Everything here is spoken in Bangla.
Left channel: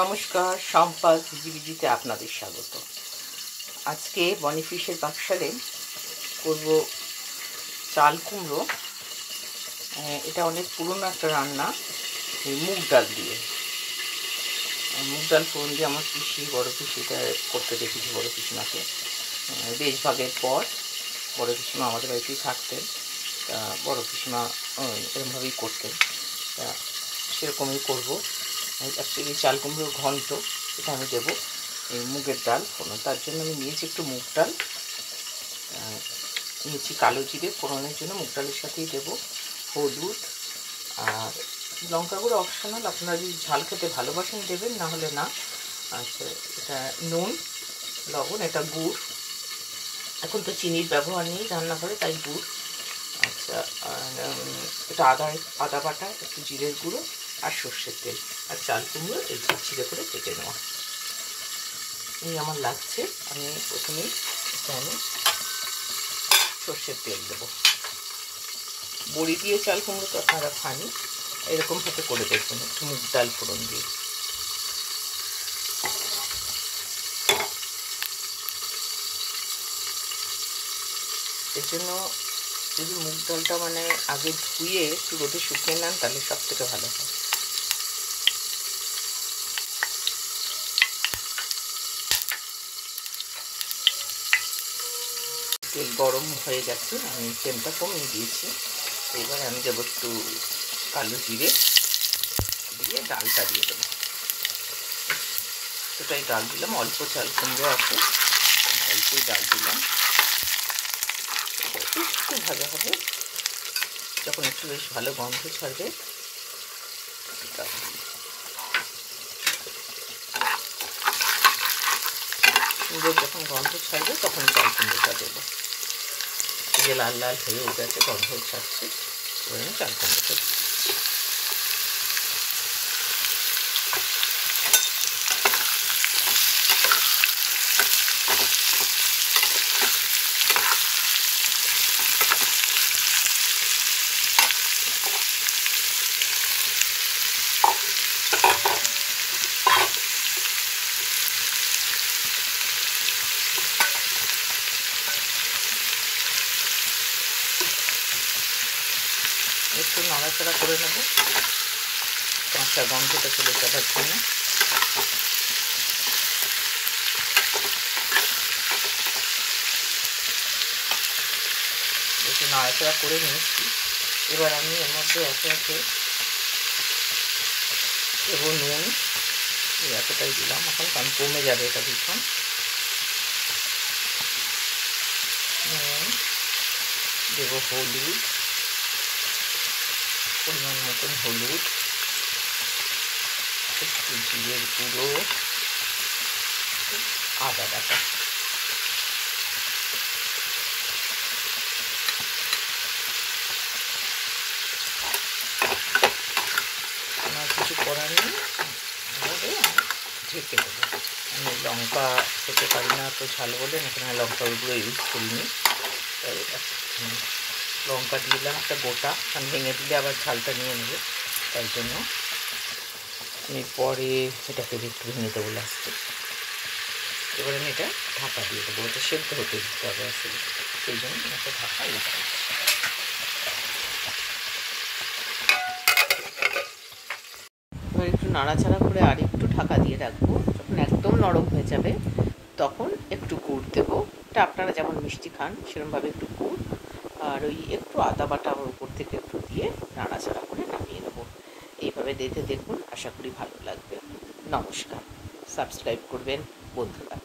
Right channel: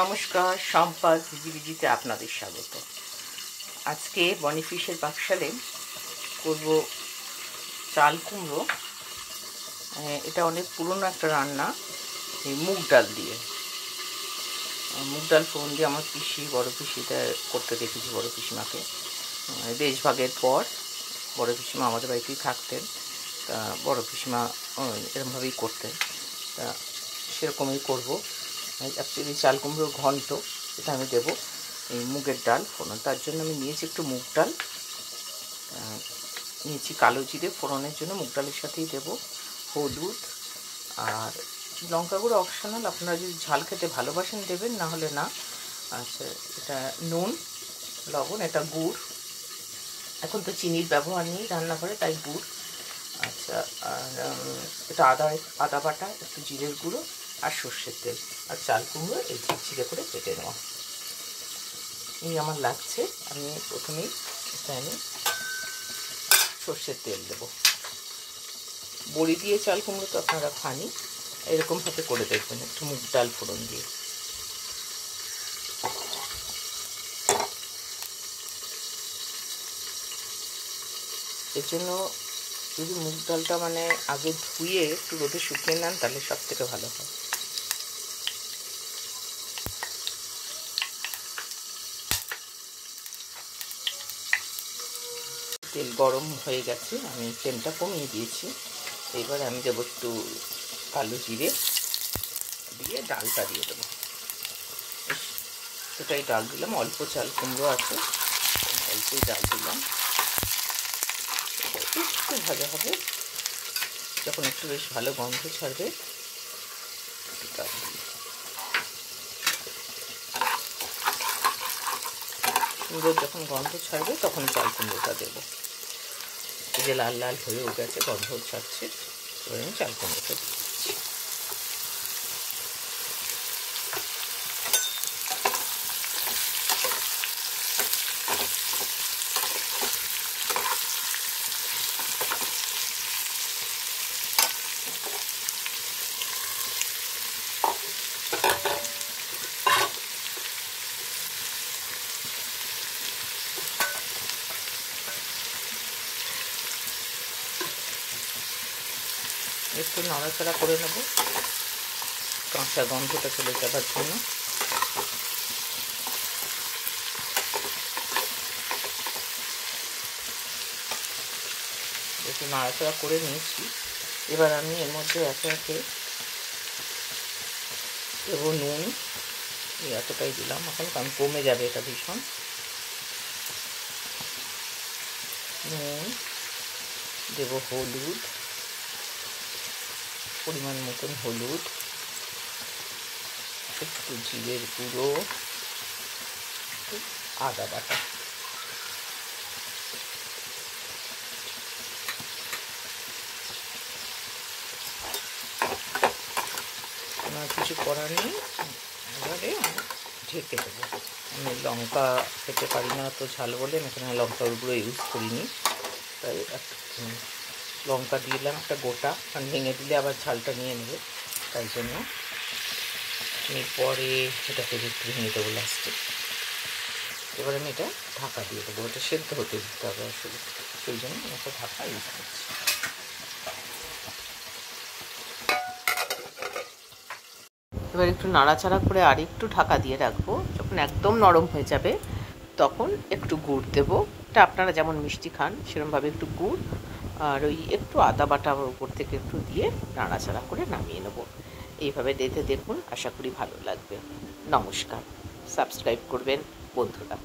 নমস্কার, সম্পাদ ঝিঝিবিজিতে আপনাদের স্বাগত। আজকে বনিফিশের পাকশালে করব চাল কুমড়ো। এটা অনেক পুরনো একটা রান্না, এই মুগ ডাল দিয়ে। মুগ ডাল ফোড়ন দিয়ে আমার পিসি, বড় পিসিটা করতে দেখেছি, বড় পিসিমাকে। দেশভাগের পর বড় পিসিমা আমাদের বাড়িতেই থাকতেন, তা বড় পিসিমা এরমভাবেই করতেন, তা সেরকমই করবো। অ্যাকচুয়ালি চাল কুমড়োর ঘন্ট, এটা আমি দেবো এই মুগের ডাল ফোড়ন। তার জন্য আমি নিয়েছি একটু মুগ ডাল, নিয়েছি কালো জিরে ফোড়নের জন্য, মুগ ডালের সাথেই দেবো হলুদ আর লঙ্কা গুঁড়ো অপশনাল, আপনারা যদি ঝাল খেতে ভালোবাসেন দেবেন, না হলে না। আচ্ছা, এটা নুন, লবণ, এটা গুড়। এখন তো চিনির ব্যবহার নেই রান্নাঘরে, তাই গুড়। আচ্ছা, আর এটা আদা বাটা, একটু জিরের গুঁড়ো আর সর্ষের তেল, আর চাল কুমড়ো এই ঝিরঝিরে করে কেটে নেওয়া। এই আমার লাগছে। আমি প্রথমেই প্যানে সর্ষের তেল দেবো। বড়ি দিয়ে চাল কুমড়ো তো আপনারা খানি, এরকমভাবে করে দেখবেন একটু মুগ ডাল ফোড়ন দিয়ে। এর জন্য যদি মুগ ডালটা আগে ধুয়ে একটু রোদে শুকিয়ে নেন, তাহলে সব থেকে ভালো হয়। তেল গরম হয়ে গেছে, আমি ফ্লেমটা কমিয়ে দিয়েছি। এবার আমি দেবো একটু কালো জিরে দিয়ে ডালটা দিয়ে দেবো। এতটাই ডাল দিলাম, অল্প চাল কুমড়ো আছে, অল্পই ডাল দিলাম। একটু ভাজা হবে, যখন একটু বেশ ভালো গন্ধ ছাড়বে, সুন্দর যখন গন্ধ ছাড়বে তখন চাল কুমড়োটা দেবো। এই যে লাল লাল হয়ে গেছে, গন্ধ ছাড়ছে, এবার আমি চাল কুমড়োটা দিই। একটু নাড়াচাড়া করে নেব কাঁচা গন্ধটা চলে যাবার জন্য। একটু নাড়াচাড়া করে নিয়েছি। এবার আমি এর মধ্যে একে একে দেবো নুন, এতটাই দিলাম, এখন কারণ কমে যাবে এটা ভীষণ। নুন দেবো, হলুদ পরিমাণ মতন হলুদ, একটু জিরের গুঁড়ো, আদা বাটা। আমার কিছু করার নেই, এবারে আমি ঢেকে দেবো। আমি লঙ্কা খেতে পারি না তো ঝাল বলে, এখানে লঙ্কার গুঁড়ো ইউজ করিনি, তাই লঙ্কা দিলাম একটা গোটা, কারণ ভেঙে দিলে আবার ঝালটা নিয়ে নেবে, তাই জন্য। এরপরে এটাকে একটু ভেঙে দেবো লাস্টে। এবার আমি এটা ঢাকা দিয়ে দেবো, এটা সেদ্ধ হতে দিতে হবে আসলে, সেই জন্য একটা ঢাকা দিয়ে দেবো। এবার একটু নাড়াচাড়া করে আর একটু ঢাকা দিয়ে রাখবো। যখন একদম নরম হয়ে যাবে তখন একটু গুড় দেবো। এটা আপনারা যেমন মিষ্টি খান সেরকমভাবে একটু গুড় আর ওই একটু আদা বাটা উপর থেকে একটু দিয়ে নাড়াচাড়া করে নামিয়ে নেবো। এইভাবে দেখুন, আশা করি ভালো লাগবে। নমস্কার, সাবস্ক্রাইব করবেন বন্ধুরা।